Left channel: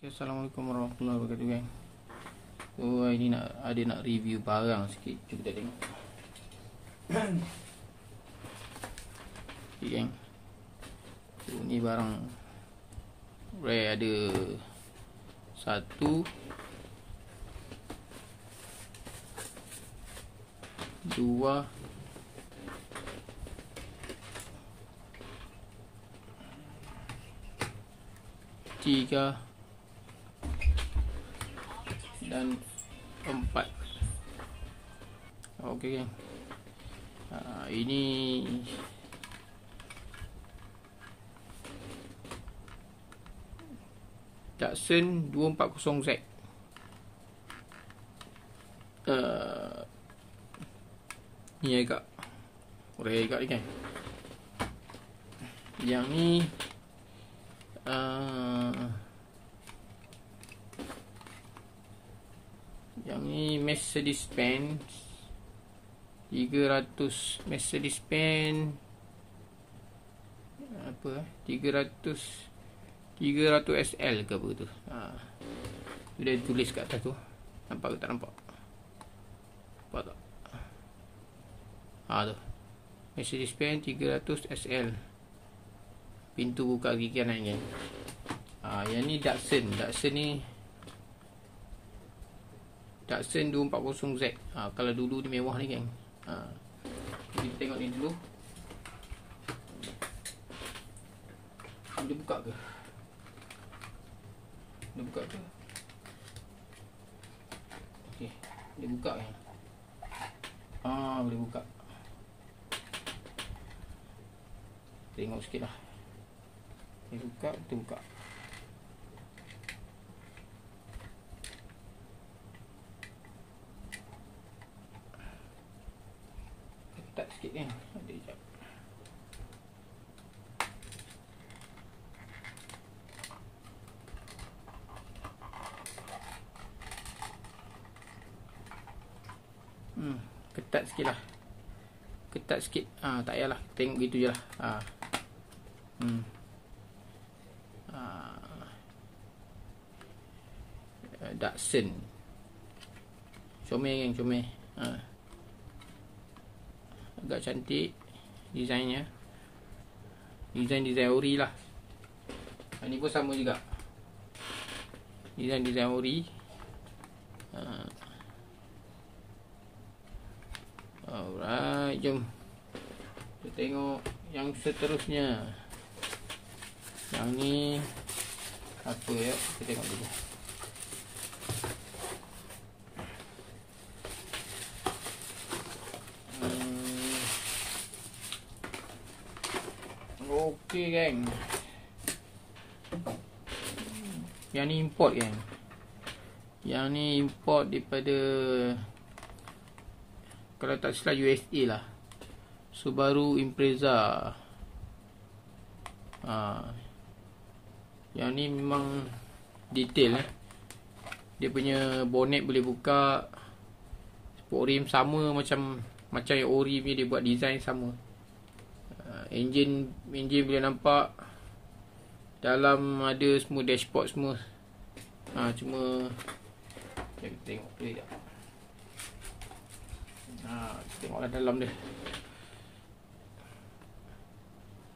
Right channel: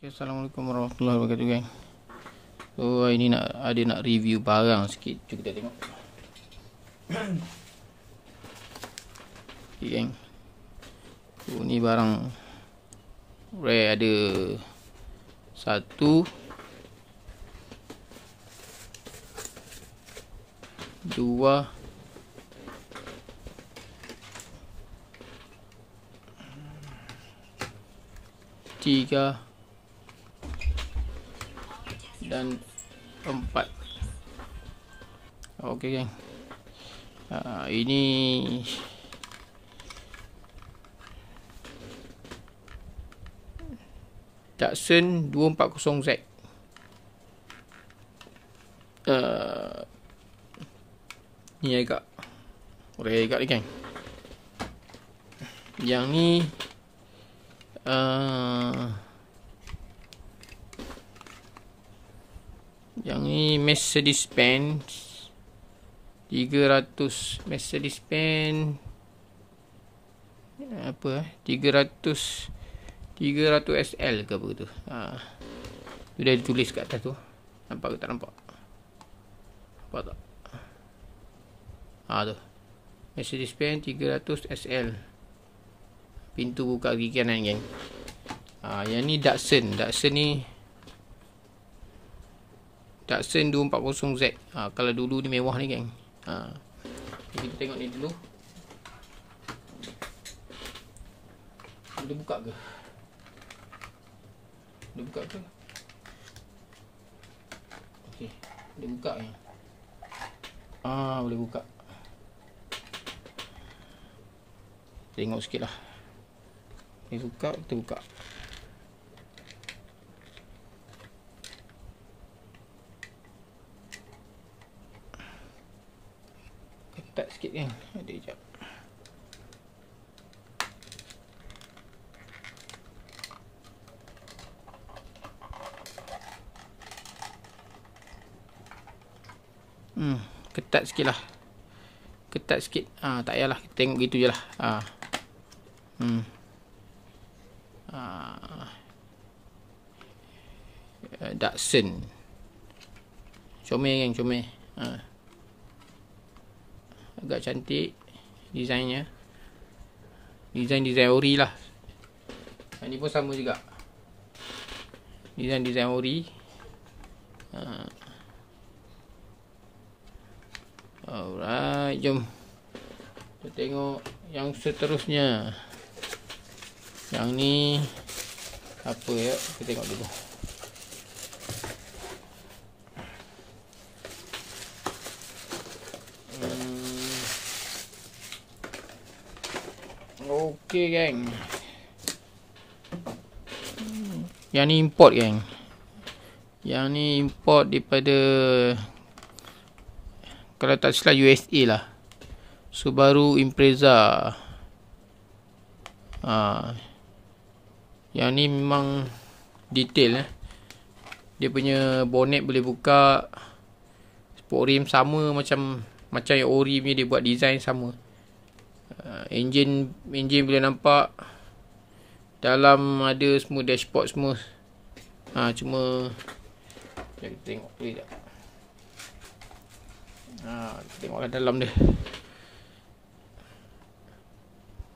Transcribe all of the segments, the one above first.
Okay, Assalamualaikum warahmatullahi wabarakatuh, gang. So ini nak review barang sikit. Jom kita tengok. Okay, gang. So ni barang rare, ada 1 2 3 dan 4. Okey, geng. Ini Datsun 240Z. Ni agak rare agak ni, geng. Yang ni Mercedes-Benz 300 Mercedes-Benz 300 SL ke apa tu. Dia ditulis kat atas tu. Nampak ke tak nampak? Nampak tak? Tu Mercedes-Benz 300 SL. Pintu buka kiri kanan, geng. Yang ni Datsun ni Datsun 240Z. Kalau dulu ni mewah ni, geng. Kita tengok ni dulu. Dia buka ke? Dia buka ke? Okey, dia buka ya. Boleh buka. Tengok sikit lah. Dia buka, kita buka. Ketat sikit, kan? Ada sekejap. Ketat sikit lah. Ketat sikit. Tak payahlah. Tengok gitu je lah. Datsun. Comel, geng, comel. Agak cantik desainnya. Desain ori lah. Ini pun sama juga. Desain ori. Alright, jom kita tengok yang seterusnya. Yang ni apa ya? Kita tengok dulu. Okey, geng. Yang ni import, geng. Yang ni import daripada, kalau tak salah, USA lah. Subaru Impreza. Yang ni memang detail. Dia punya bonnet boleh buka. Sport rim sama macam yang ori punya, dia buat design sama. Engine boleh nampak. Dalam ada semua dashboard semua. Cuma kita tengok tu je. Tengoklah dalam dia.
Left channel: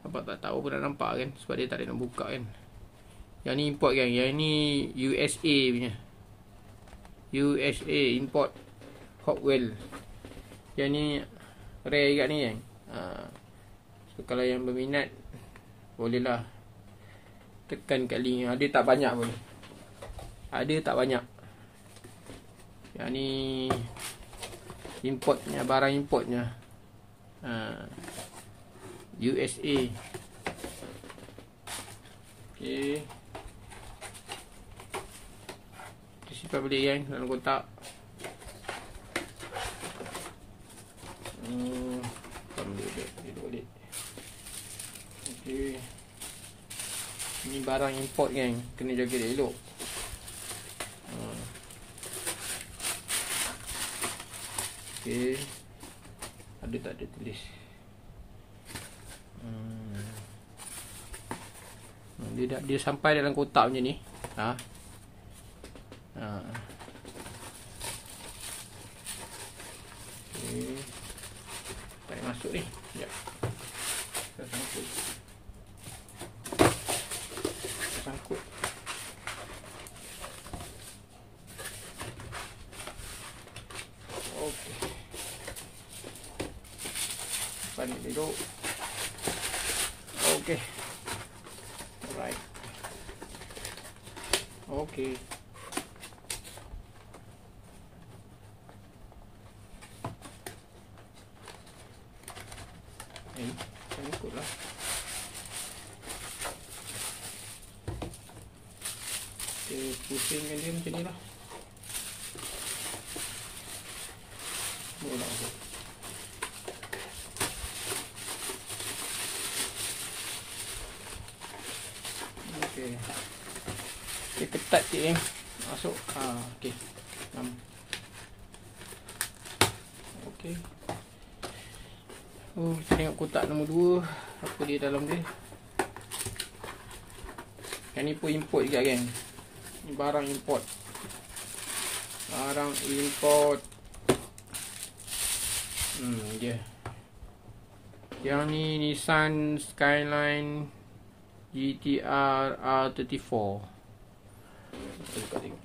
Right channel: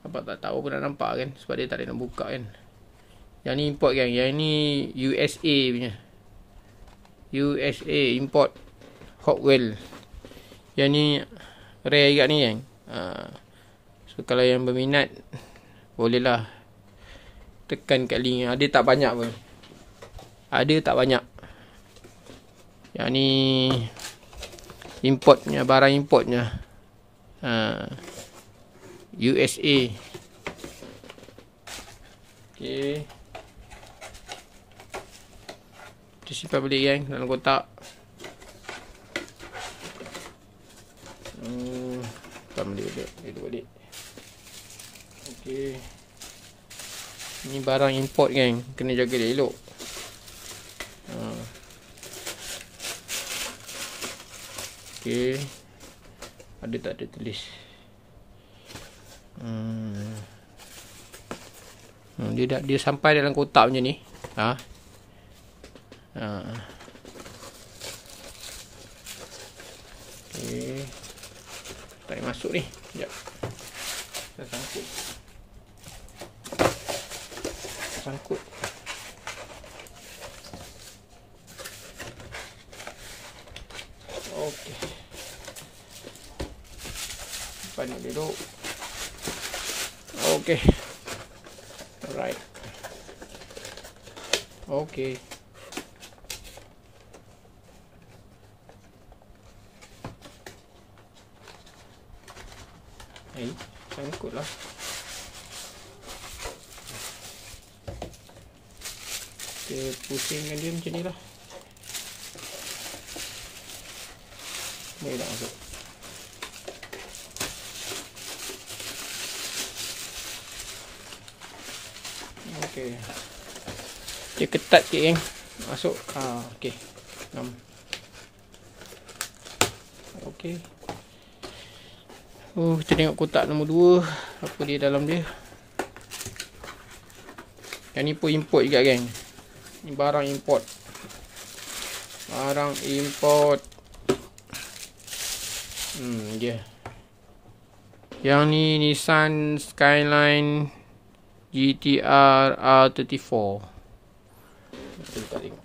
Nampak tak? Tahu pun dah nampak, kan? Sebab dia tak ada nak buka, kan? Yang ni import, kan? Yang ni USA punya. USA import Hockwell. Yang ni rare juga ni, kan? So kalau yang berminat, bolehlah tekan kat link. Ada tak banyak pun. Ada tak banyak. Yang ni importnya, barang importnya. USA. Okey. Kita simpan balik, geng, dalam kotak. Simpan balik. Okey. Ini barang import, geng. Kena jaga dia elok. Okey. Ada tak ada tulis? Dia sampai dalam kotak macam ni. Okey. Tarik masuk ni. Sekejap. Kita sangkut. Sangkut. Okey. Simpan ni dulu. Okey. Alright. Okey. Sangkutlah. Kita pusingkan dia macam ni lah. Ni dah masuk. Okey. Dia ketat sikit kan. Masuk. Okey. Okey. Kita tengok kotak nombor 2. Apa dia dalam dia. Yang ni pun import juga geng. Ni barang import. Barang import. Dia. Yang ni Nissan Skyline GTR R34. Kita buka tengok.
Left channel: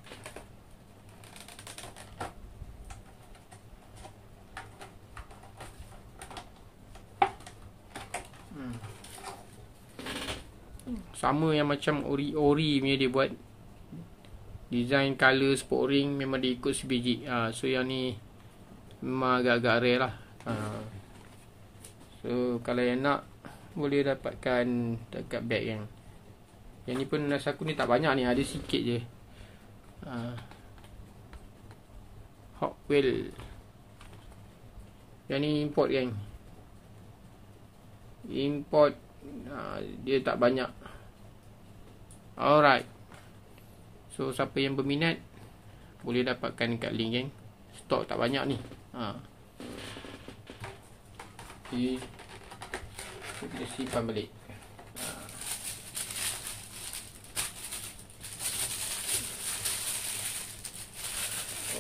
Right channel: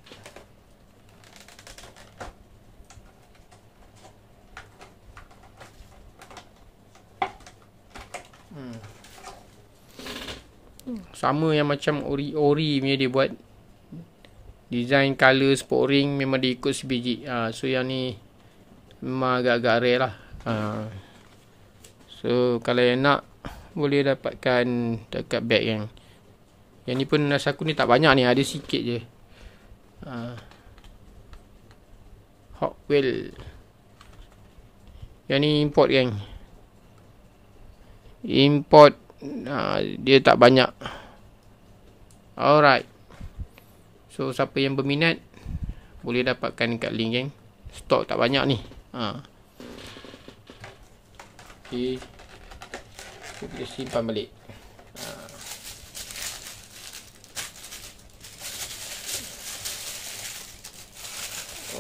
Sama yang macam ori punya dia buat. Design color sport ring memang dia ikut sebiji. So yang ni memang agak-agak rare lah. So kalau yang nak boleh dapatkan dekat bag yang ni pun rasa aku ni tak banyak ni, ada sikit je. Hot Wheel. Yang ni import geng. Import. Dia tak banyak. Alright. So siapa yang berminat boleh dapatkan dekat link geng. Stok tak banyak ni. Okay. Kita simpan balik.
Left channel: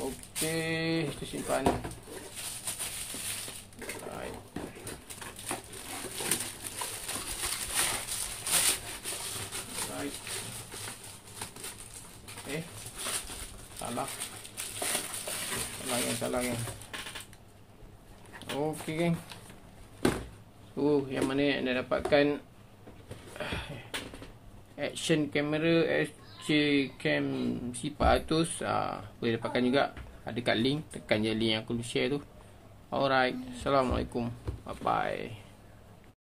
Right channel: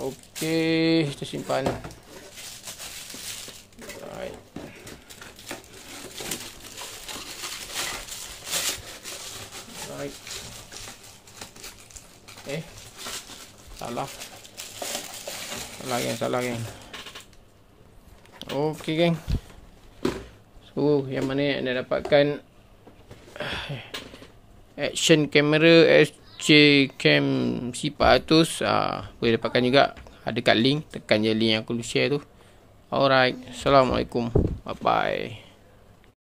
Okey, kita simpan. Alright. Alright. Salah geng. Okey geng. So yang mana anda dapatkan action camera SJ Cam C400, boleh dapatkan juga. Ada kat link, tekan je link yang aku share tu. Alright, Assalamualaikum. Bye bye.